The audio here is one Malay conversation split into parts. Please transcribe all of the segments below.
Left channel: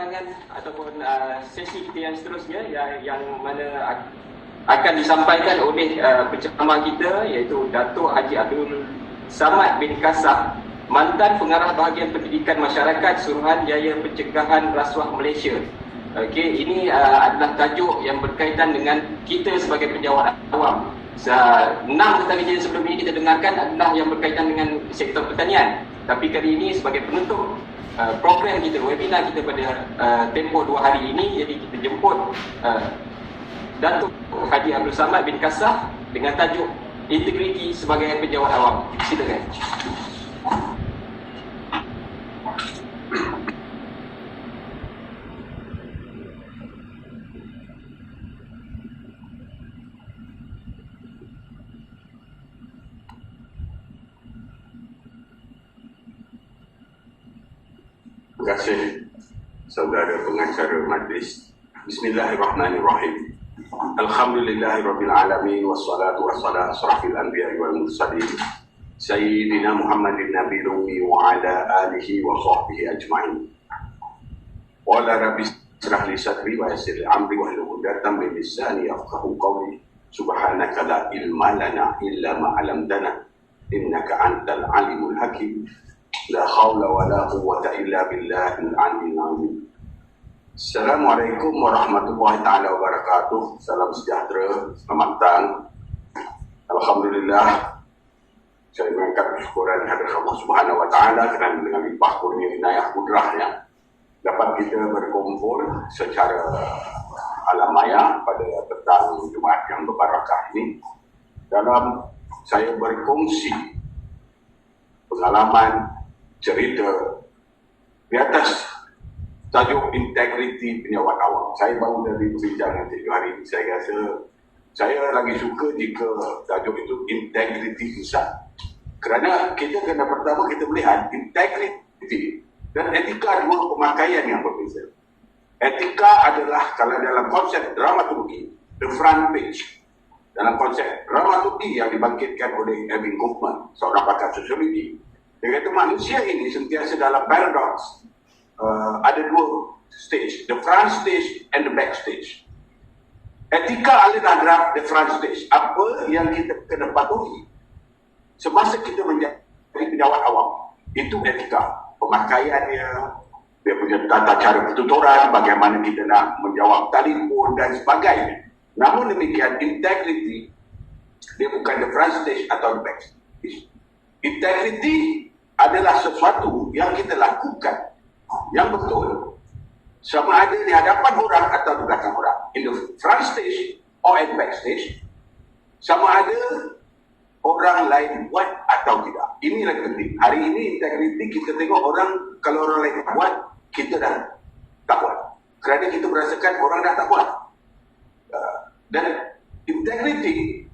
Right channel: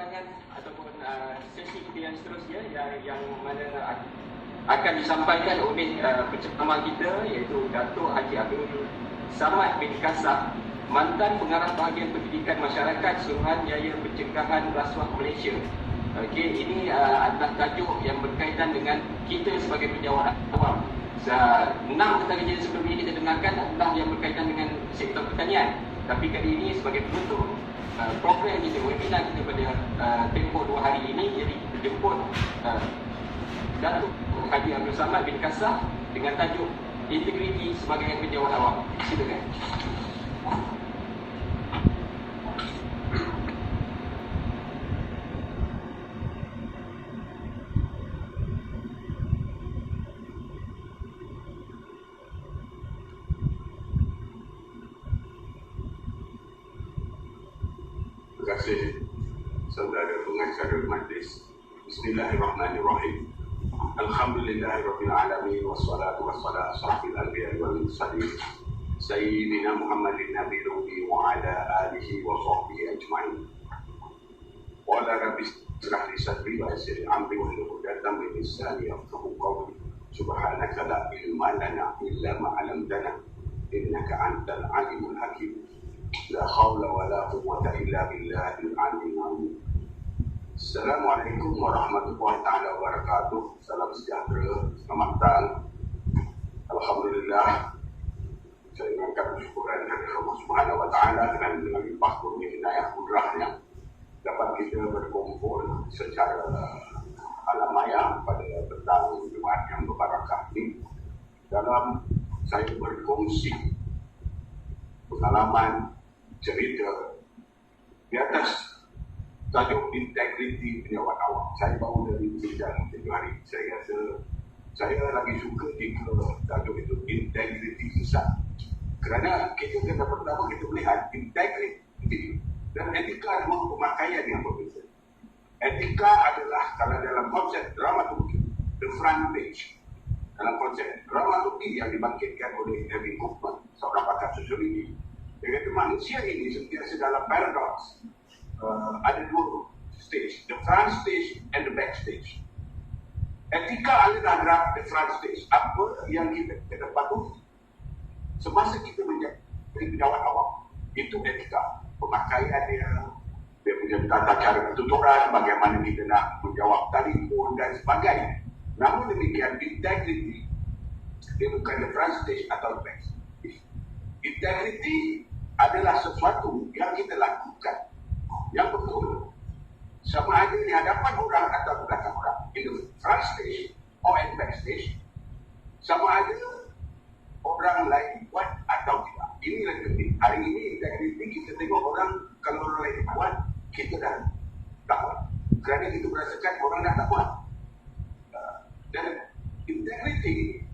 perbincangan ataupun sesi kita yang seterusnya yang mana akan disampaikan oleh penceramah kita, iaitu Datuk Haji Abdul Samad bin Kasah, mantan pengarah bahagian pendidikan masyarakat Suruhanjaya Pencegahan Rasuah Malaysia. Okey, ini adalah tajuk yang berkaitan dengan kita sebagai pejabat awam. 6 kejadian sebelum ini kita dengarkan adalah yang berkaitan dengan sektor pertanian. Tapi kali ini sebagai penutup program kita, webinar kita pada tempoh 2 hari ini, jadi kita jemput Datuk Haji Abdul Samad bin Kasah dengan tajuk Integriti sebagai pejabat awam. Silakan. Terima kasih saudara pengacara majlis. Bismillahirrahmanirrahim. Alhamdulillahirabbil alamin wassalatu wassalamu asrafil anbiya'i wal mursalin sayyidina Muhammadin nabiyil ummi wa ala alihi wa sahbihi ajma'in. Wa la rabbi israh li sadri wa yassir li amri wa hlul 'uqdatam min lisani yafqahu qawli. Subhanaka la ilma lana illa ma 'allamtana innaka antal alimul hakim. La haula wa la quwwata illa billahil aliyyil azim. Assalamualaikum warahmatullahi taala wabarakatuh. Salam sejahtera, selamat datang. Alhamdulillah, saya mengangkat syukuran hadirat Allah Subhanahu wa taala kerana dengan limpah kurnia inayah kudrahnya dapat kita berkumpul secara alam maya pada petang Jumaat yang berbarakah ini dalam saya berkongsi pengalaman cerita di atas tajuk integriti pejabat awam. Saya baru dari perbincangan 7 hari ini. Saya rasa saya lagi suka jika tajuk itu integriti insan. Kerana kita kena pertama kita melihat integriti dan etika dua pemakaian yang berbeza. Etika adalah kalau dalam konsep dramaturgi, the front page. Dalam konsep dramaturgi yang dibangkitkan oleh Erving Goffman, seorang pakar sosiologi, dia kata manusia ini sentiasa dalam paradoks. Ada 2 stage, the front stage and the back stage. Etika adalah the front stage. Apa yang kita kena patuhi semasa kita menjadi pejabat awam, itu etika. Pemakaiannya, dia punya tata cara pertuturan, bagaimana kita nak menjawab telefon dan sebagainya. Namun demikian, integrity dia bukan the front stage atau the back stage. Integrity adalah sesuatu yang kita lakukan yang betul, sama ada di hadapan orang atau di belakang orang, in the front stage or at back stage, sama ada orang lain buat atau tidak. Ini yang penting. Hari ini integriti kita tengok orang, kalau orang lain buat, kita dah tak buat, kerana kita merasakan orang dah tak buat. Dan integriti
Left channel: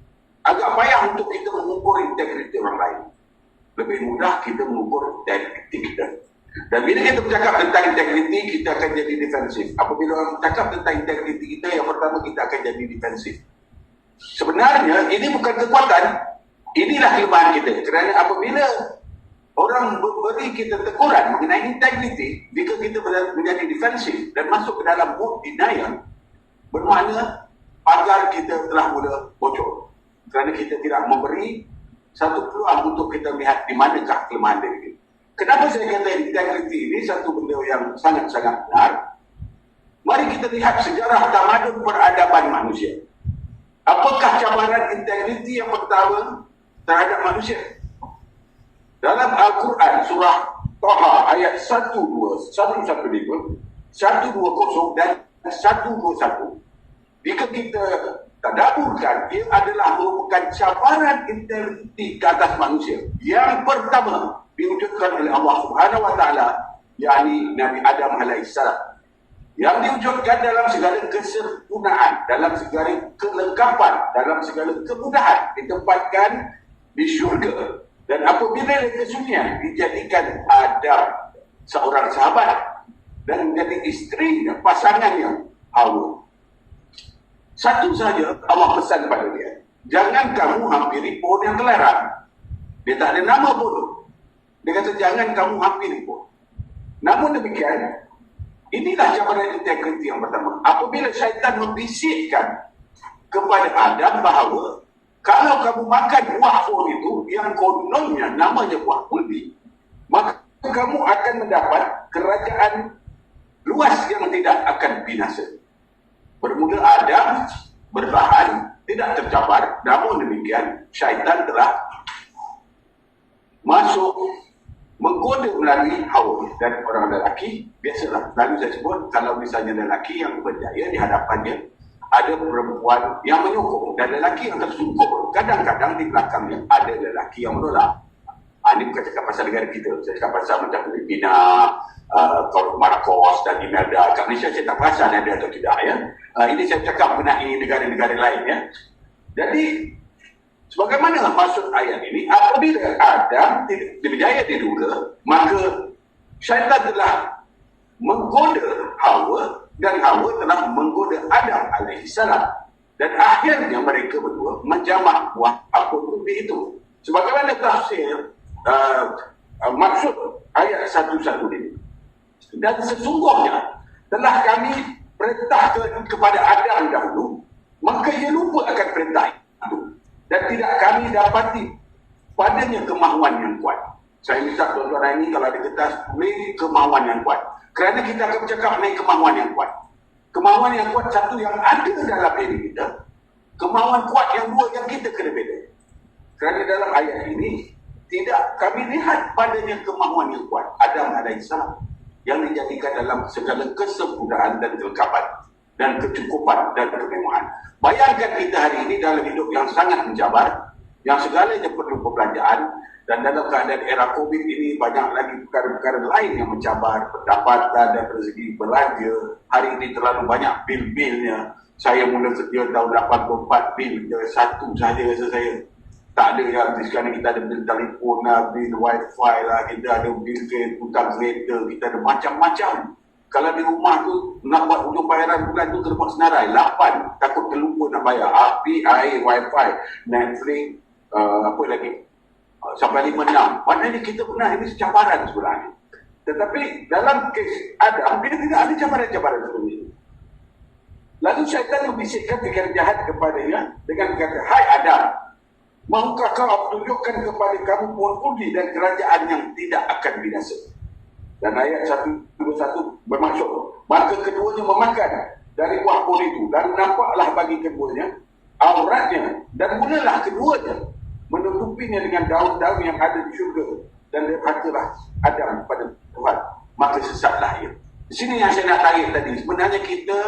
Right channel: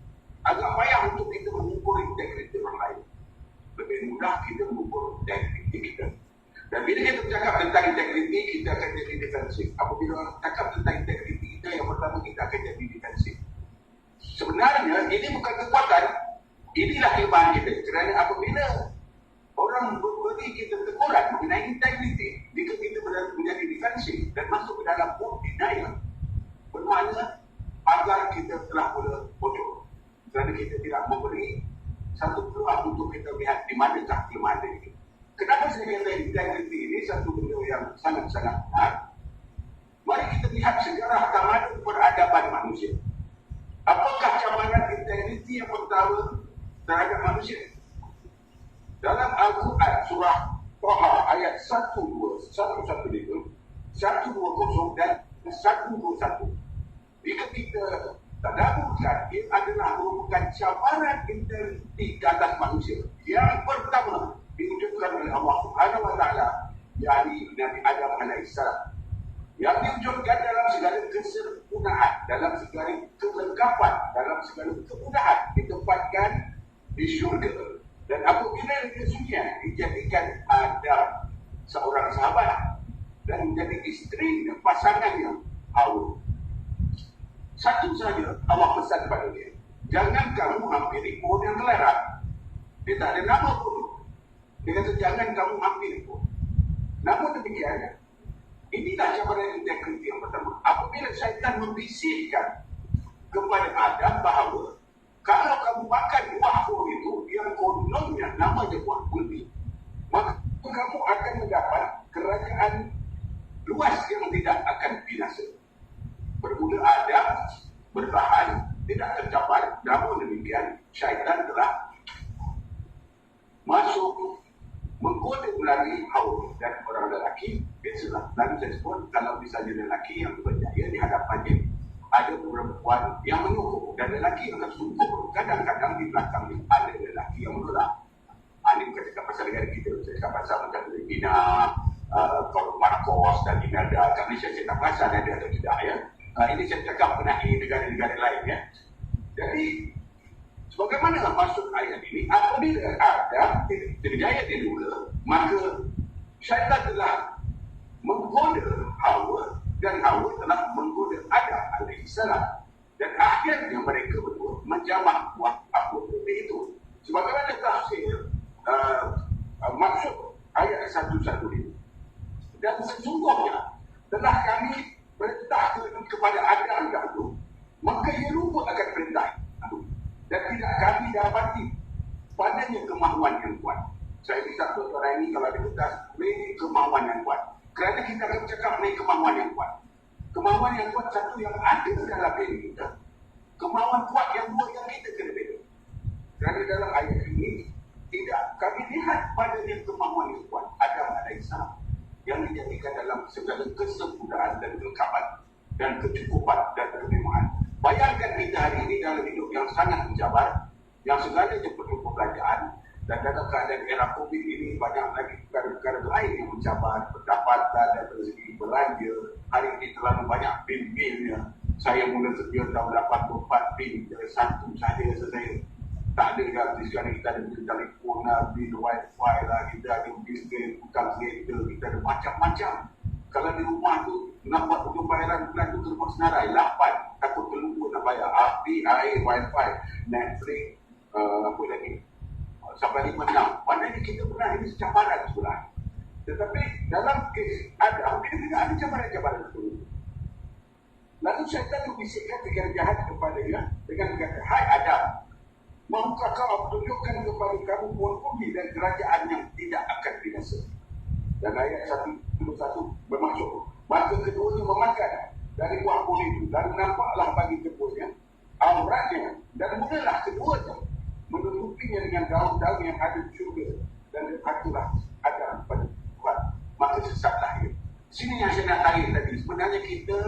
agak payah untuk kita mengukur integriti orang lain. Lebih mudah kita mengukur integriti kita. Dan bila kita bercakap tentang integriti, kita akan jadi defensif. Apabila orang bercakap tentang integriti kita, yang pertama kita akan jadi defensif. Sebenarnya ini bukan kekuatan, inilah kelemahan kita. Kerana apabila orang beri kita teguran mengenai integriti, jika kita menjadi defensif dan masuk ke dalam mode denial, bermakna pagar kita telah mula bocor. Kerana kita tidak memberi satu peluang untuk kita melihat di manakah kelemahan diri kita. Kenapa saya kata integriti ini satu benda yang sangat-sangat benar? Mari kita lihat sejarah tamadun peradaban manusia. Apakah cabaran integriti yang pertama terhadap manusia? Dalam Al-Quran surah Taha ayat 120 dan 121, jika kita tadaburkan, ia adalah merupakan cabaran integriti ke atas manusia. Yang pertama diwujudkan oleh Allah Subhanahu wa taala, yakni Nabi Adam alaihissalam, yang diwujudkan dalam segala kesempurnaan, dalam segala kelengkapan, dalam segala kemudahan, ditempatkan di syurga. Dan apabila kesunyian dijadikan Adam seorang sahabat dan menjadi isteri dan pasangannya Hawa. Satu saja Allah pesan pada dia, jangan kamu hampiri pohon yang terlarang. Dia tak ada nama pun. Dia kata jangan kamu hampiri pun. Namun demikian, Inilah cabaran integriti yang pertama. Apabila syaitan membisikkan kepada Adam bahawa kalau kamu makan buah pun itu yang kononnya namanya buah kuldi, maka kamu akan mendapat kerajaan luas yang tidak akan binasa. Bermula Adam bertahan, tidak tercabar, namun demikian syaitan telah masuk menggoda melalui Hawa. Dan orang lelaki, biasalah, lalu saya sebut, kalau misalnya lelaki yang berjaya di hadapannya ada perempuan yang menyokong dan lelaki yang tersungkur. Kadang-kadang di belakangnya ada lelaki yang menolak. Ini bukan cakap pasal negara kita, saya cakap pasal macam Filipina, Marcos dan Imelda. Kat Malaysia saya tak perasan ada atau tidak ya. Ini saya cakap mengenai negara-negara lain ya. Jadi sebagaimana maksud ayat ini, apabila Adam berjaya diduga, maka syaitan telah menggoda Hawa dan Hawa telah menggoda Adam alaihissalam. Dan akhirnya mereka berdua menjamak buah apel itu. Sebagaimana tafsir maksud ayat 1:1 ini. Dan sesungguhnya telah kami perintahkan kepada Adam dahulu, maka ia lupa akan perintah itu. Dan tidak kami dapati padanya kemahuan yang kuat. Saya minta tuan-tuan ini kalau ada kertas tulis kemahuan yang kuat. Kerana kita akan bercakap mengenai kemahuan yang kuat. Kemahuan yang kuat satu yang ada dalam diri kita. Kemahuan kuat yang dua yang kita kena beda. Kerana dalam ayat ini tidak kami lihat padanya kemahuan yang kuat Adam alaihissalam yang dijadikan dalam segala kesempurnaan dan kelengkapan dan kecukupan dan kemewahan. Bayangkan kita hari ini dalam hidup yang sangat mencabar, yang segalanya perlu perbelanjaan, dan dalam keadaan era COVID ini banyak lagi perkara-perkara lain yang mencabar pendapatan dan rezeki belanja. Hari ini terlalu banyak bil-bilnya. Saya mula kerja tahun 84, bil satu sahaja rasa saya. Tak ada yang sekarang kita ada bil telefon lah, bil wifi lah, kita ada bil hutang kereta, kita ada macam-macam. Kalau di rumah tu nak buat hujung bayaran bulan tu kena buat senarai 8, takut terlupa nak bayar api, air, wifi, Netflix, apa lagi, sampai 5-6. Maknanya kita pernah ini cabaran sebenarnya. Tetapi dalam kes Adam, dia tidak ada cabaran-cabaran seperti itu. Lalu syaitan membisikkan fikiran jahat kepadanya dengan berkata, "Hai Adam, maukah kau tunjukkan kepada kamu pohon kuldi dan kerajaan yang tidak akan binasa?" Dan ayat 1:21 bermaksud, maka keduanya memakan dari buah pohon itu, dan nampaklah bagi keduanya auratnya, dan mulalah keduanya menutupinya dengan daun-daun yang ada di syurga, dan berkatalah Adam kepada Tuhan, maka sesatlah ia. Di sini yang saya nak tarik tadi, sebenarnya kita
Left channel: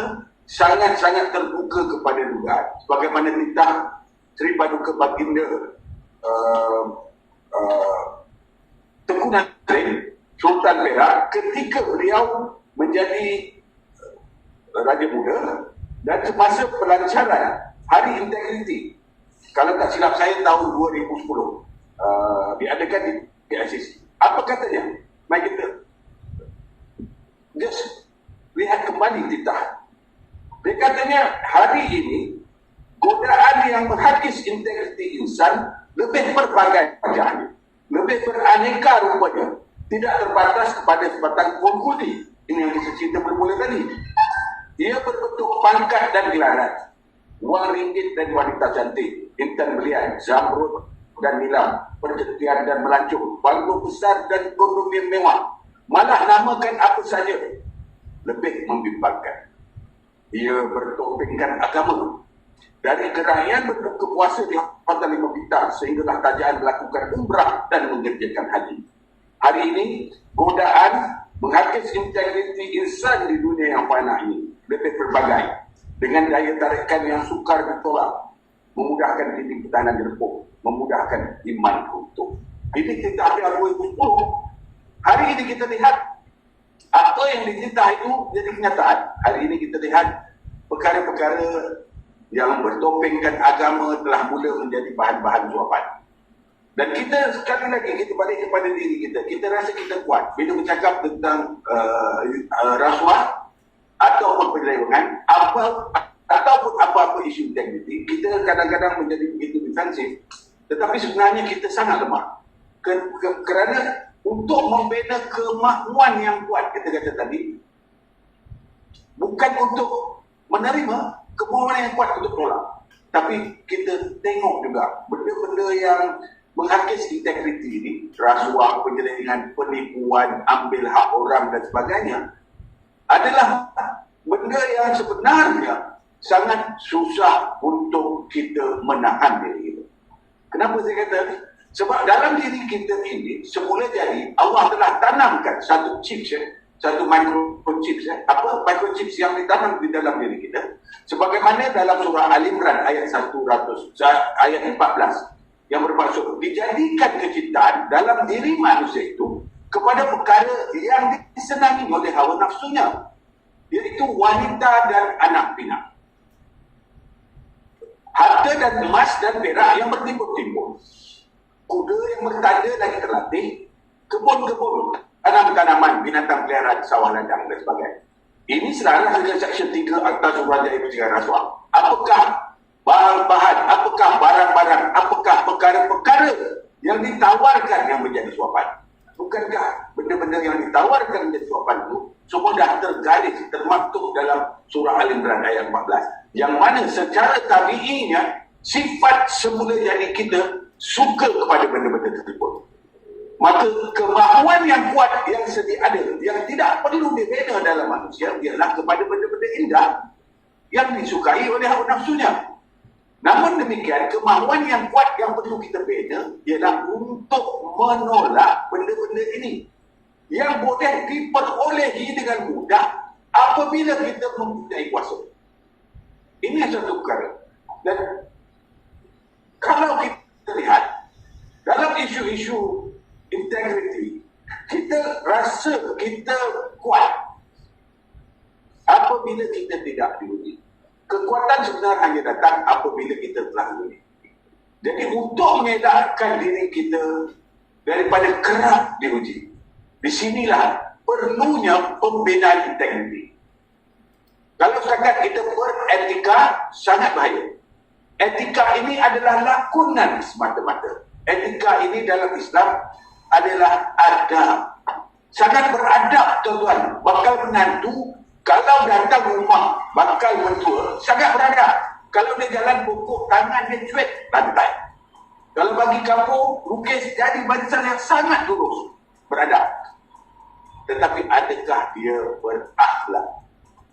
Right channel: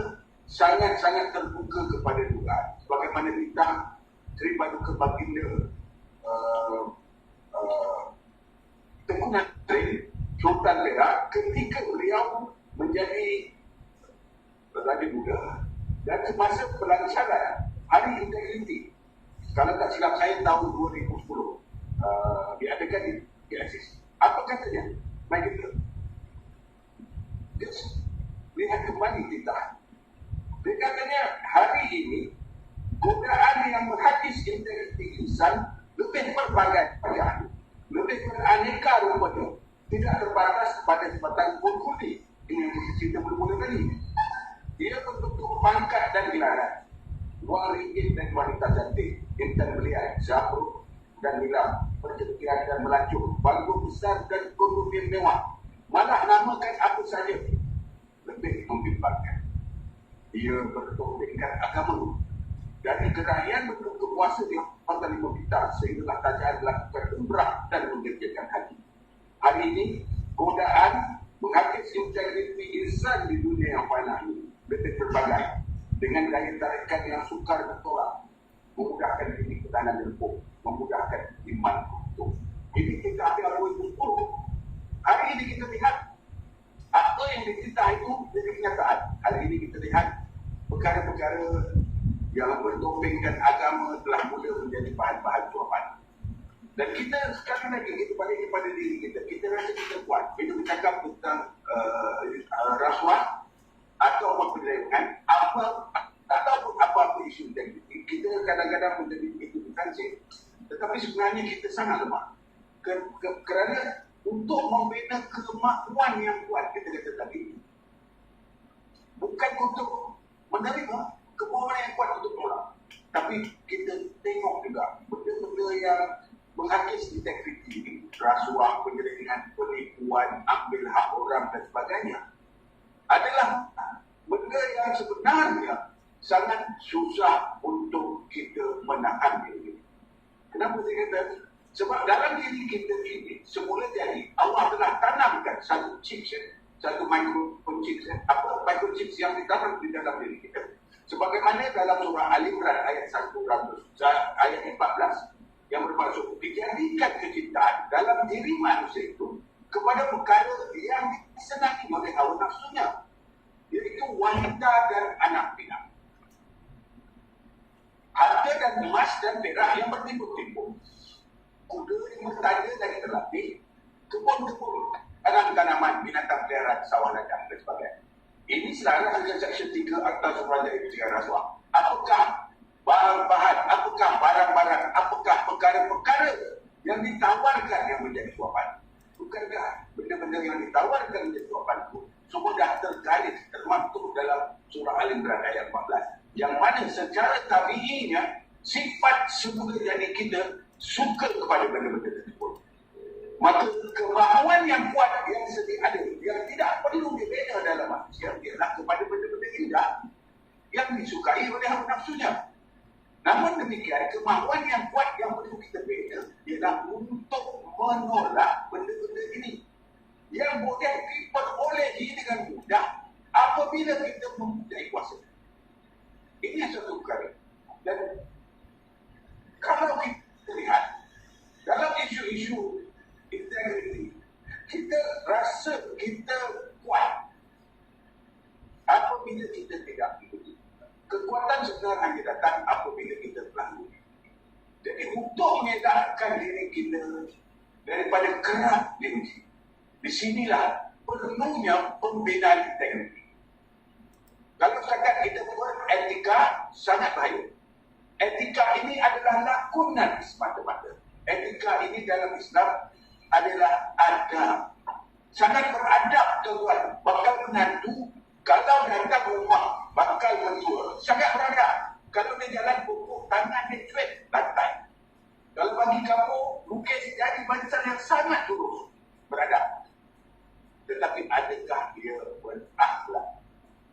sangat-sangat terbuka kepada dugaan. Sebagaimana titah Sri Paduka Baginda Tengku Nazrin Sultan Perak ketika beliau menjadi Raja Muda, dan semasa pelancaran Hari Integriti, kalau tak silap saya tahun 2010 diadakan di PICC. Apa katanya? Mari kita just lihat kembali titah. Dia katanya hari ini godaan yang menghakis integriti insan lebih berbagai wajahnya, lebih beraneka rupanya, tidak terbatas kepada sebatang pohon kuldi. Ini yang kita cerita bermula tadi. Ia berbentuk pangkat dan gelaran, wang ringgit dan wanita cantik, intan belian, zamrud dan nilam, percetian dan melancong, bangku besar dan kondom yang mewah. Malah namakan apa saja, lebih membimbangkan. Ia bertopengkan agama. Dari kerajaan berbuka puasa di Hotel 5 Bintang sehinggalah kerajaan melakukan umrah dan mengerjakan haji. Hari ini, godaan menghakis integriti insan di dunia yang fana ini lebih berbagai, dengan daya tarikan yang sukar ditolak, memudahkan titik ketahanan jerpuk, memudahkan iman runtuh. Ini kita ambil 2010. Hari ini kita lihat apa yang dititah itu jadi kenyataan. Hari ini kita lihat perkara-perkara yang bertopengkan agama telah mula menjadi bahan-bahan suapan. Dan kita sekali lagi, kita balik kepada diri kita. Kita rasa kita kuat bila bercakap tentang rasuah ataupun penyelewengan, ataupun apa-apa isu integriti. Kita kadang-kadang menjadi begitu defensif, tetapi sebenarnya kita sangat lemah. Kerana untuk membina kemakmuan yang kuat, kita kata tadi, bukan untuk menerima, kemauan yang kuat untuk tolak. Tapi kita tengok juga benda-benda yang menghakis integriti ini, rasuah, penyelewengan, penipuan, ambil hak orang dan sebagainya, adalah benda yang sebenarnya sangat susah untuk kita menahan diri kita. Kenapa saya kata? Sebab dalam diri kita ini, semula jadi, Allah telah tanamkan satu chips, satu microchips, microchips yang ditanam di dalam diri kita. Sebagaimana dalam surah Al-Imran ayat 14 yang bermaksud dijadikan kecintaan dalam diri manusia itu kepada perkara yang disenangi oleh hawa nafsunya, iaitu wanita dan anak pinak, harta dan emas dan perak yang bertimbun-timbun, kuda yang bertanda lagi terlatih, kebun-kebun, tanaman-tanaman, binatang peliharaan, sawah ladang dan sebagainya. Ini selaras dengan Seksyen 3 Akta Suruhanjaya Pencegahan Rasuah. Apakah bahan-bahan, apakah barang-barang, apakah perkara-perkara yang ditawarkan yang menjadi suapan? Bukankah benda-benda yang ditawarkan menjadi suapan itu semua dah tergaris, termaktub dalam surah Al-Imran ayat 14, yang mana secara tabi'inya sifat semula jadi kita suka kepada benda-benda tersebut. Maka kemahuan yang kuat yang sedia ada, yang tidak perlu dibina dalam manusia, ialah kepada benda-benda indah yang disukai oleh hawa nafsunya. Namun demikian, kemahuan yang kuat yang perlu kita bina ialah untuk menolak benda-benda ini yang boleh diperolehi dengan mudah apabila kita mempunyai kuasa. Ini satu perkara. Dan kalau kita lihat dalam isu-isu integriti, kita rasa kita kuat apabila kita tidak diuji. Kekuatan sebenarnya hanya datang apabila kita telah diuji. Jadi untuk mengedarkan diri kita daripada kerap diuji, di sinilah perlunya pembinaan integriti. Kalau setakat kita beretika, sangat bahaya. Etika ini adalah lakonan semata-mata. Etika ini dalam Islam adalah adab. Sangat beradab, tuan-tuan. Bakal menantu, kalau datang rumah, bakal mentua, sangat beradab. Kalau dia jalan pokok, tangan dia cuit lantai. Kalau bagi kampung, lukis jadi barisan yang sangat lurus, beradab. Tetapi adakah dia berakhlak?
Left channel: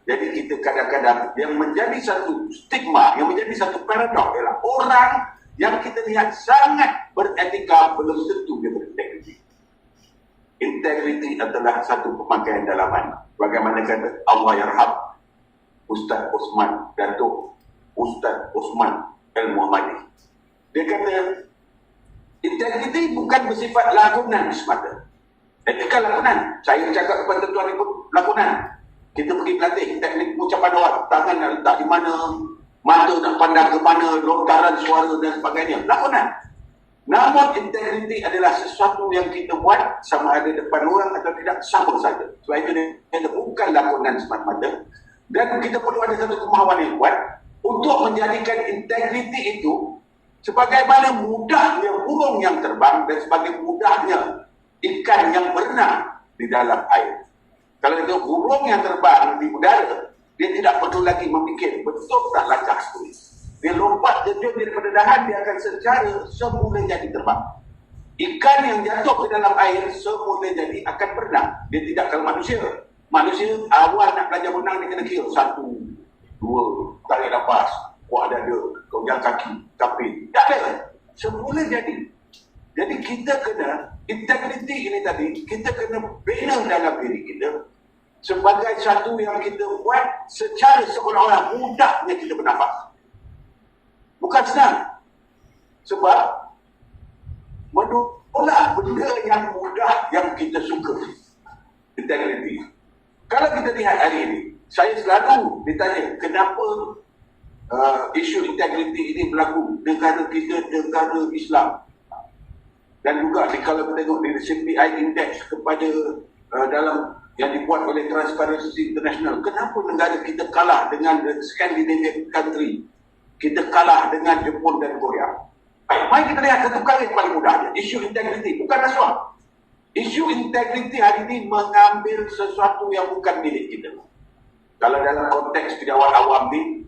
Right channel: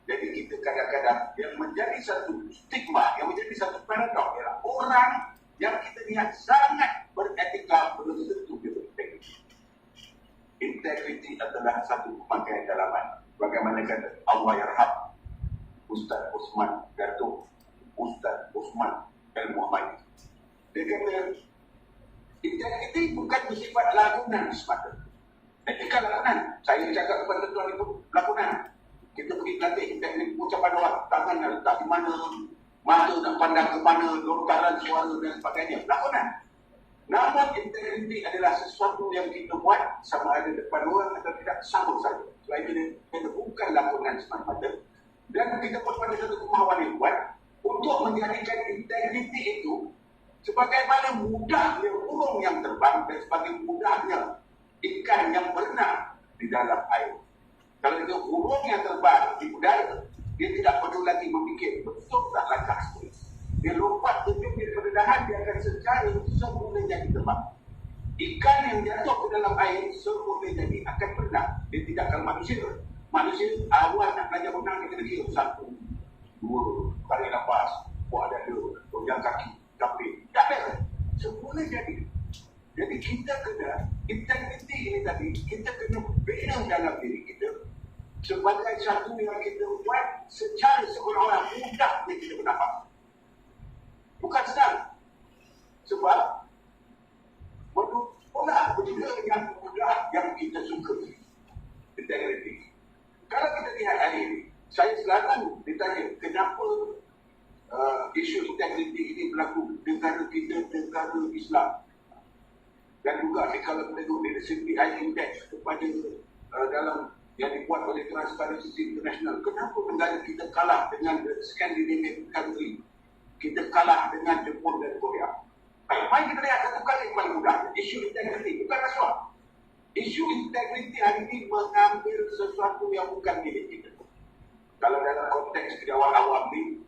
Jadi kita kadang-kadang yang menjadi satu stigma, yang menjadi satu paradoks ialah orang yang kita lihat sangat beretika belum tentu dia berintegriti. Integriti adalah satu pemakaian dalaman. Bagaimana kata Allah yarham Ustaz Osman, Datuk Ustaz Osman Al-Muhammadi. Dia kata integriti bukan bersifat lakonan semata. Etika lakonan. Saya cakap kepada tuan ibu lakonan. Kita pergi pelatih teknik ucapan awak, tangan nak letak di mana, mata nak pandang ke mana, lontaran suara dan sebagainya. Lakonan. Namun integriti adalah sesuatu yang kita buat sama ada depan orang atau tidak, sama saja. Sebab itu dia bukan lakonan semata-mata. Dan kita perlu ada satu kemahuan yang kuat untuk menjadikan integriti itu sebagaimana mudahnya burung yang terbang dan sebagai mudahnya ikan yang berenang di dalam air. Kalau itu burung yang terbang di udara, dia tidak perlu lagi memikir betul tak langkah sekali. Dia lompat terjun daripada dahan, dia akan secara semula jadi terbang. Ikan yang jatuh ke dalam air semula jadi akan berenang. Dia tidak kalau manusia. Manusia awal nak belajar berenang dia kena kira 1, 2, tarik nafas, kuat dada, gonjang kaki, tapi tak ada. Semula jadi. Jadi kita kena, integriti ini tadi, kita kena bina dalam diri kita sebagai satu yang kita buat secara seolah-olah mudahnya kita bernafas. Bukan senang. Sebab menolak benda yang mudah yang kita suka. Integriti. Kalau kita lihat hari ini, saya selalu ditanya kenapa isu integriti ini berlaku negara kita, negara Islam. Dan juga kalau kita tengok dari CPI Index kepada dalam yang dibuat oleh Transparency International, kenapa negara kita kalah dengan Scandinavian country, kita kalah dengan Jepun dan Korea. Baik, mari kita lihat satu kali yang paling mudah, isu integriti, bukan rasuah. Isu integriti hari ini mengambil sesuatu yang bukan milik kita. Kalau dalam konteks pejabat awam ni,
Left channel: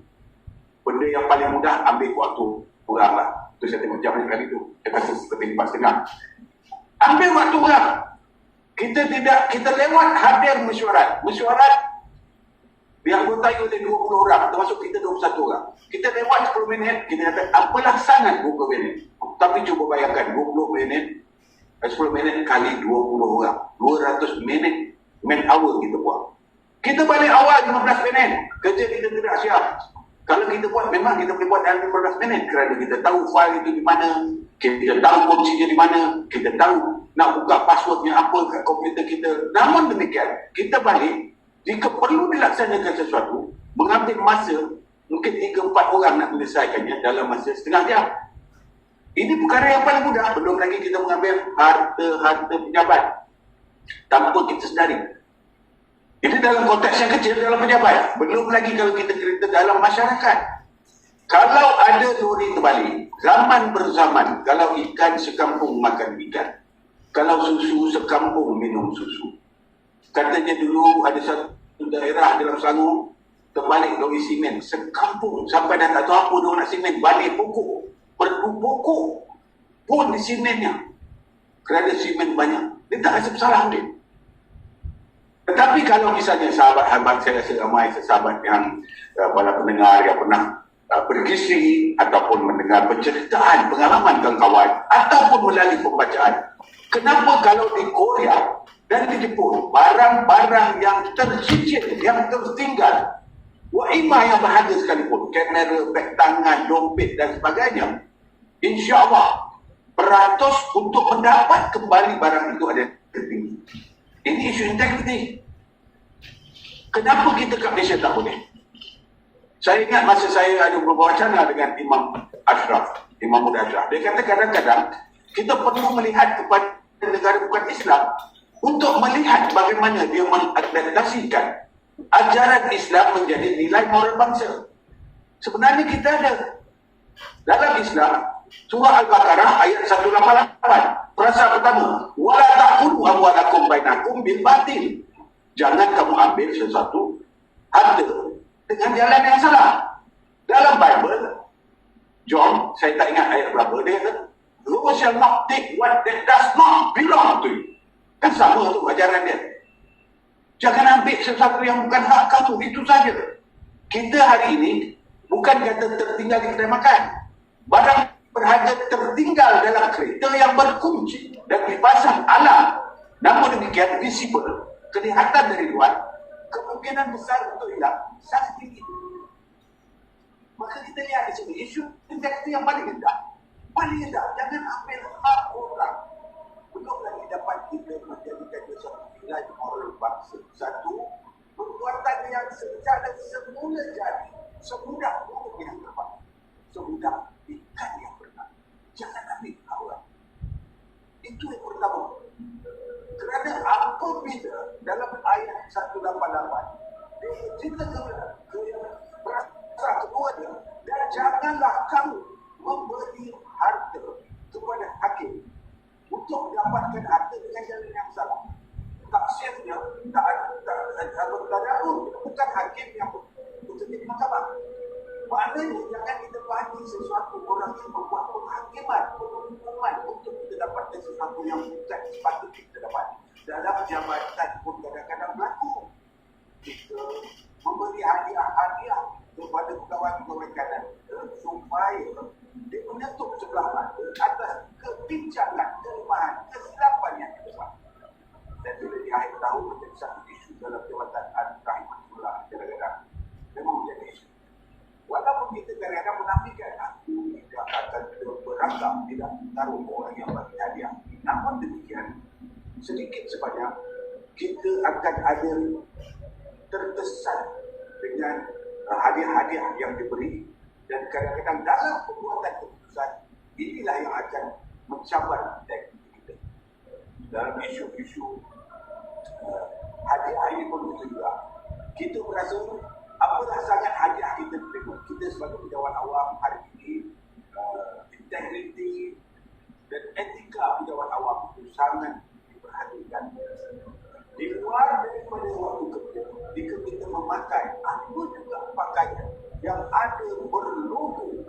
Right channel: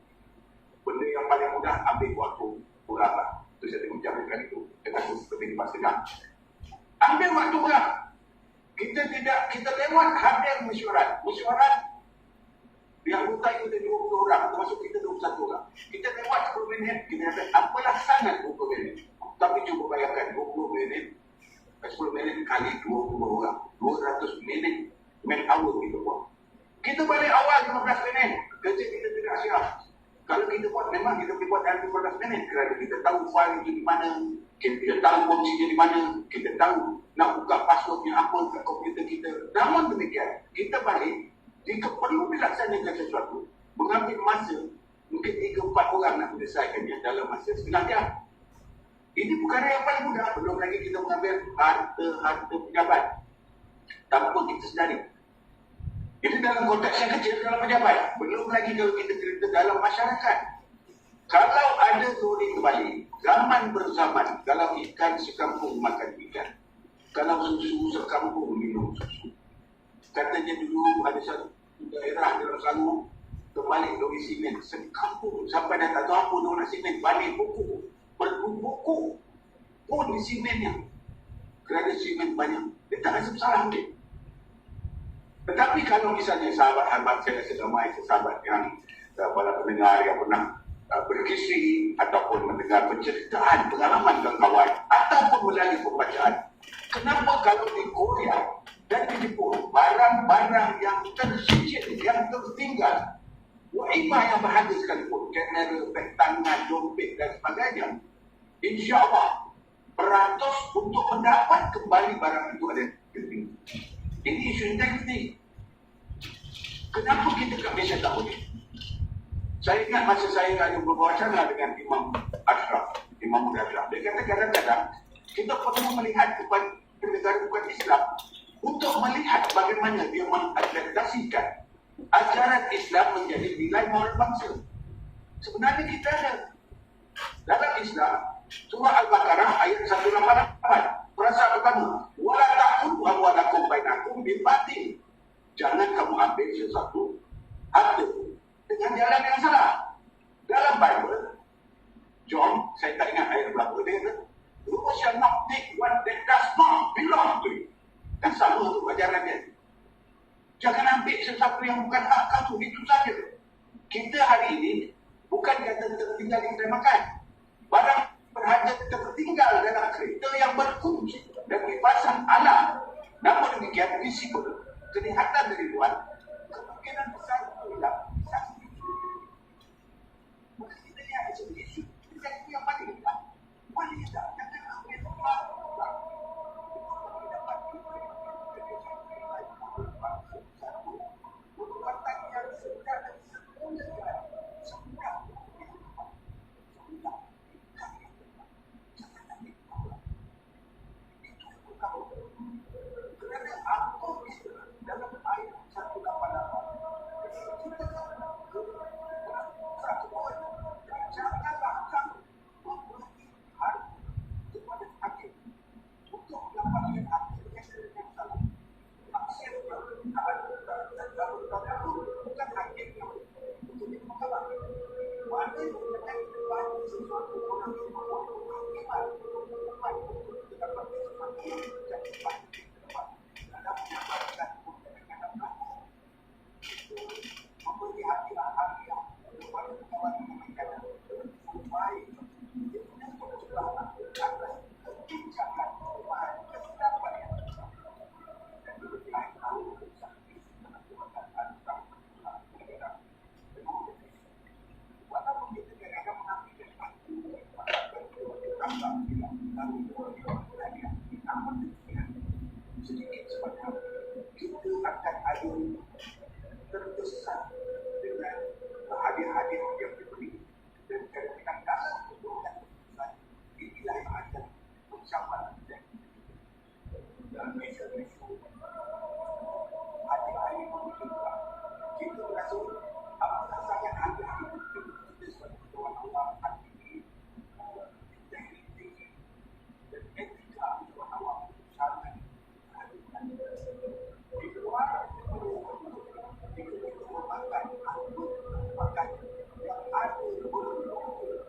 benda yang paling mudah ambil waktu orang lah. Tu saya tengok jam kali tu. Dia kata seperti 4:30. Ambil waktu orang. Kita lewat hadir mesyuarat. Mesyuarat yang bertanya oleh 20 orang, termasuk kita 21 orang. Kita lewat 10 minit, kita kata, apalah sangat 20 minit. Tapi cuba bayangkan, 20 minit, 10 minit kali 20 orang. 200 minit, man hour kita buat. Kita balik awal 15 minit. Kerja kita tidak siap. Kalau kita buat, memang kita boleh buat dalam 15 minit. Kerana kita tahu file itu di mana, kita tahu kuncinya di mana, kita tahu nak buka passwordnya apa kat komputer kita. Namun demikian, kita balik, jika perlu dilaksanakan sesuatu, mengambil masa, mungkin 3-4 orang nak menyelesaikannya dalam masa setengah jam. Ini perkara yang paling mudah. Belum lagi kita mengambil harta-harta pejabat tanpa kita sedari. Itu dalam konteks yang kecil dalam pejabat. Belum lagi kalau kita cerita dalam masyarakat. Kalau ada teori terbalik, zaman berzaman, kalau ikan sekampung makan ikan, kalau susu sekampung minum susu. Katanya dulu ada satu daerah dalam Selangor, terbalik lori simen, sekampung sampai dah tak tahu apa dia nak simen, balik pokok, perlu pokok pun di simennya. Kerana simen banyak, dia tak rasa bersalah mungkin. Tetapi kalau misalnya sahabat-sahabat, saya rasa ramai sahabat yang para pendengar yang pernah berkisri ataupun mendengar penceritaan pengalaman kawan-kawan ataupun melalui pembacaan, kenapa kalau di Korea dan di Jepun barang-barang yang tercicit, yang tertinggal, waimah yang berharga sekalipun, kamera, beg tangan, dompet dan sebagainya, insya-Allah beratus untuk mendapat kembali barang itu ada tertinggi. Ini isu integriti. Kenapa kita kat Malaysia tak boleh? Saya ingat masa saya ada berwacana dengan Imam Ashraf, Imam Muda Ashraf. Dia kata kadang-kadang kita perlu melihat kepada negara bukan Islam untuk melihat bagaimana dia mengadaptasikan ajaran Islam menjadi nilai moral bangsa. Sebenarnya kita ada dalam Islam, surah Al-Baqarah ayat 188. Perasa pertama, wala ta'kulu amwalakum bainakum bil batil. Jangan kamu ambil sesuatu harta dengan jalan yang salah. Dalam Bible, John, saya tak ingat ayat berapa, dia kata, "You shall not take what that does not belong to you." Kan sama tu ajaran dia. Jangan ambil sesuatu yang bukan hak kamu, itu saja. Kita hari ini bukan kata tertinggal di kedai makan. Barang berharga tertinggal dalam kereta yang berkunci dan dipasang alam. Namun demikian visible, kelihatan dari luar, kemungkinan besar untuk hilang sangat tinggi. Maka kita lihat di sini isu integriti yang paling rendah. Paling rendah, jangan ambil hak orang. Belum lagi dapat kita menjadikan dia satu nilai moral bangsa. Satu, perbuatan yang secara semula jadi semudah untuk yang dapat, semudah ikan yang benar. Jangan ambil orang. Itu yang pertama. Kerana apabila dalam ayat 188 kita berasa kedua dia, dan janganlah kamu memberi harta kepada hakim untuk mendapatkan harta dengan jalan yang salah. Taksirnya tak ada bukan hakim yang bekerja di mahkamah. Maknanya jangan kita bagi sesuatu orang yang membuat penghakiman, hukuman untuk kita dapatkan sesuatu yang bukan sepatutnya kita dapat. Dalam jabatan pun kadang-kadang berlaku. Kita memberi hadiah kepada kawan-kawan kanan supaya dia menyentuh sebelah mata atas kebincangan, kelemahan, kesilapan yang kita buat. Dan bila di akhir tahun menjadi satu isu dalam jabatan Al-Rahimahullah kadang-kadang memang menjadi isu. Walaupun kita kadang-kadang menafikan aku tidak akan berangkat, tidak taruh orang yang bagi hadiah. Namun demikian, sedikit sebanyak kita akan ada terkesan dengan hadiah-hadiah yang diberi, dan kadang-kadang dalam pembuatan keputusan inilah yang akan mencabar integriti kita. Dalam isu-isu hadiah ini pun begitu juga. Kita berasa apalah sangat hadiah kita terima. Kita sebagai pejabat awam hari ini, integriti dan etika pejabat awam itu sangat diperhatikan. Di luar daripada waktu kerja, jika kita memakai apa juga pakaian yang ada berlogo.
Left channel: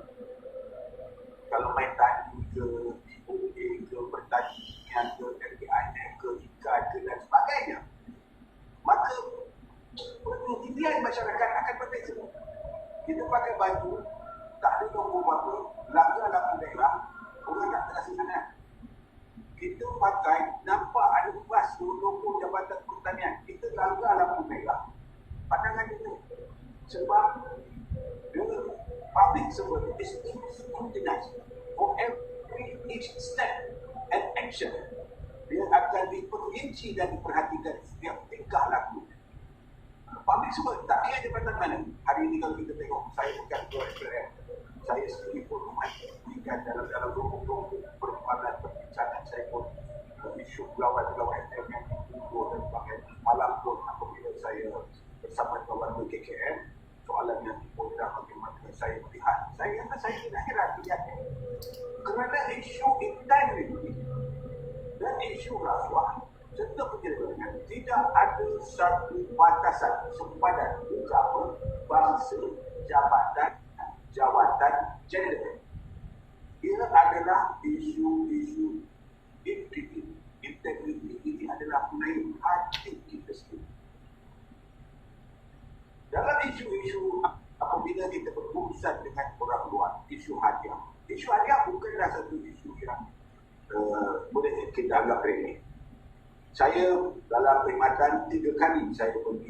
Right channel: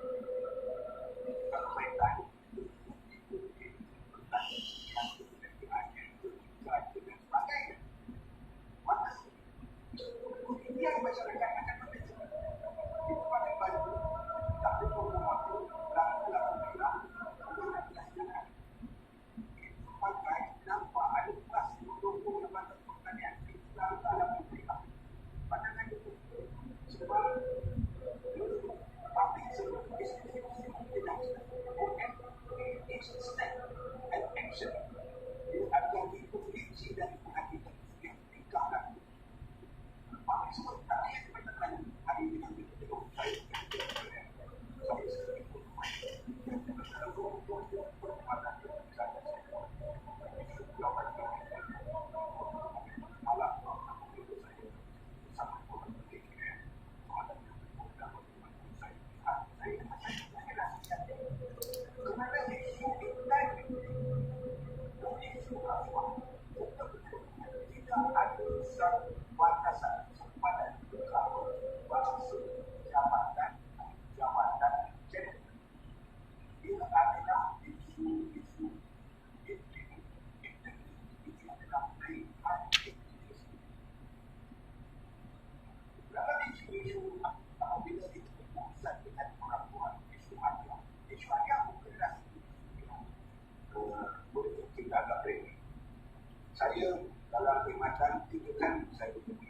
Kalau main tadi ke IOA ke pertanian ke FBIN ke ikan ke dan sebagainya, maka penilaian masyarakat akan berbeza. Kita pakai baju tak ada logo apa, lampu merah, orang tak terasa sangat. Kita pakai nampak ada bas logo Jabatan Pertanian, kita langgar lampu merah. Pandangan itu sebab public servant is scrutinized for each step and action. Dia akan diperinci dan diperhatikan setiap tingkah laku. Public servant tak kira jabatan mana. Hari ini kalau kita tengok, saya bukan ketua MPR, saya sendiri pun dalam 20 perkembangan perbincangan saya pun isu lawan-lawan FM yang dibuat dan sebagainya. Malam pun apabila saya bersama kawan KKM, soalan yang diponda bagaimana saya melihat, saya kata saya tidak kira lihatnya. Kerana isu integriti dan isu rasuah serta penjelasan tidak ada satu batasan sempadan agama, bangsa, jawatan, gender. Ia adalah isu-isu integriti ini adalah mengenai hati kita sendiri. Dalam isu-isu apabila kita berurusan dengan orang luar, isu hadiah. Isu hadiah bukanlah satu isu yang boleh kita anggap remeh. Saya dalam perkhidmatan 3 kali saya pergi